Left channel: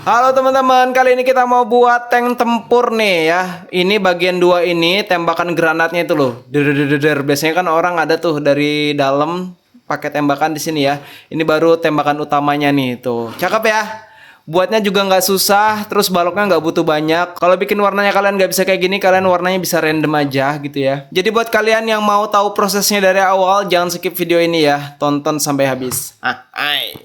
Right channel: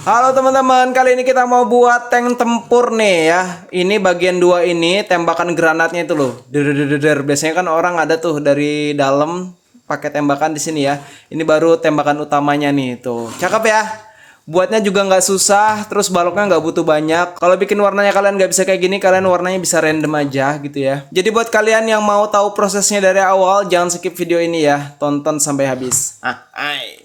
Halo teman-teman, kali ini kita mau buat tank tempur nih ya. Ini bagian 2 ini tembakan granatnya itu loh. Der. Biasanya kan orang ada tuh dari dalam pakai tembakan di sini ya. Ini baru tembakan utamanya nih tuh. Cakep ya. Buatnya juga nggak susah, terus baloknya nggak butuh banyak. Kalau bikin warnanya kalian nggak bisa kayak gini, kalian warnanya bisa random aja gitu ya. Jadi buat kalian yang mau tahu prosesnya dari awal, jangan skip video ini ya. Tonton sampai habis. Hai.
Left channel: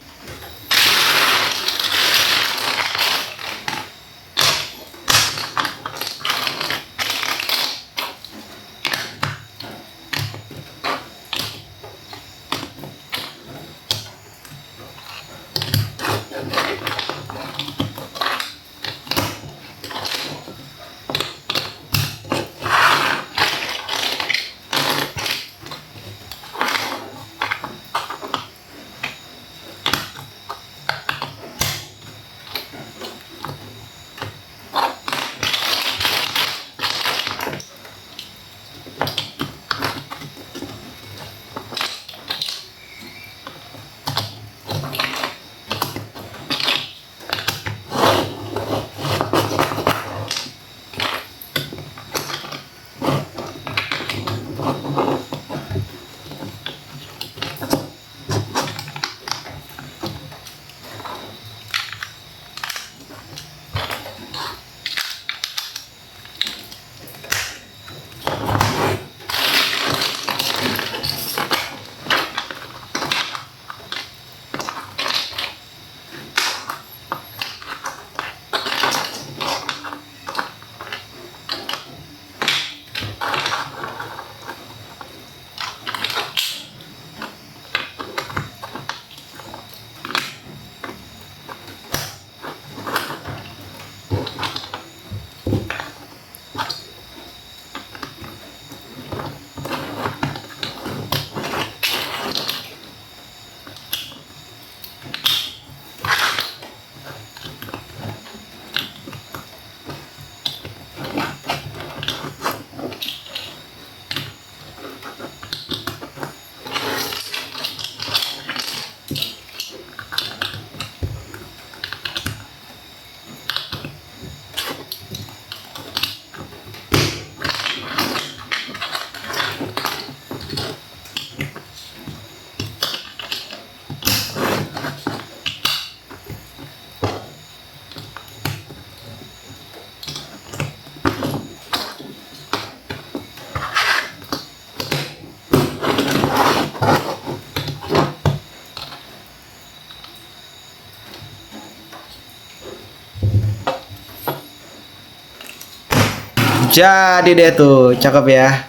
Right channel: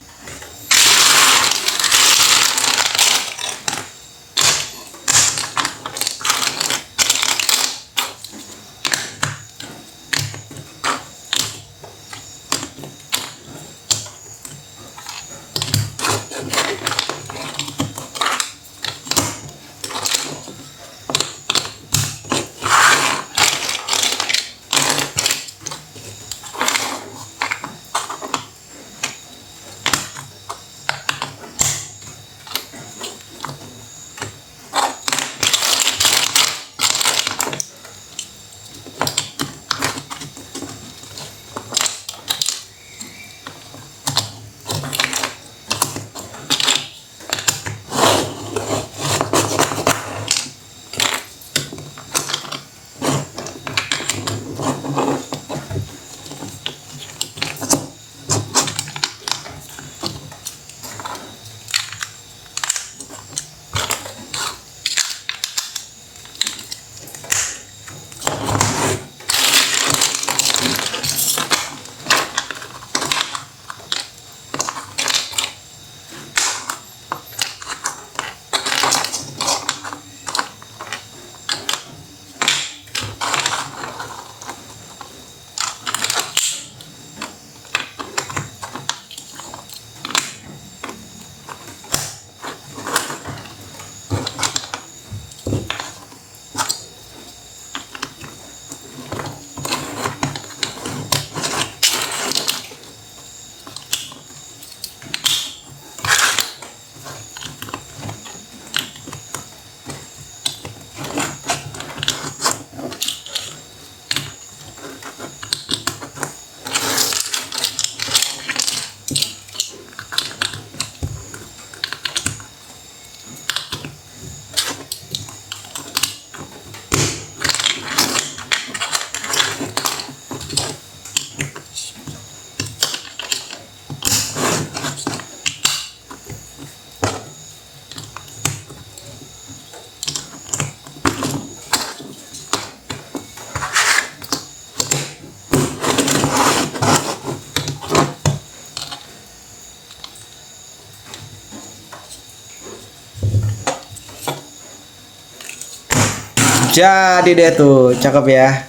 Jadi deh tuh, cakep ya.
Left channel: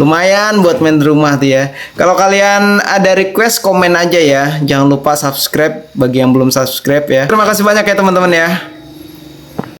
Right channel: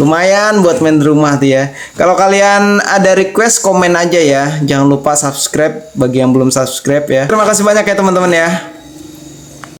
Lumayan buat main di rumah tuh ya. Kalau kalian ada request, komen aja ya. Jangan lupa subscribe bagi yang belum subscribe ya. Terima kasih banyak ya teman-teman ya.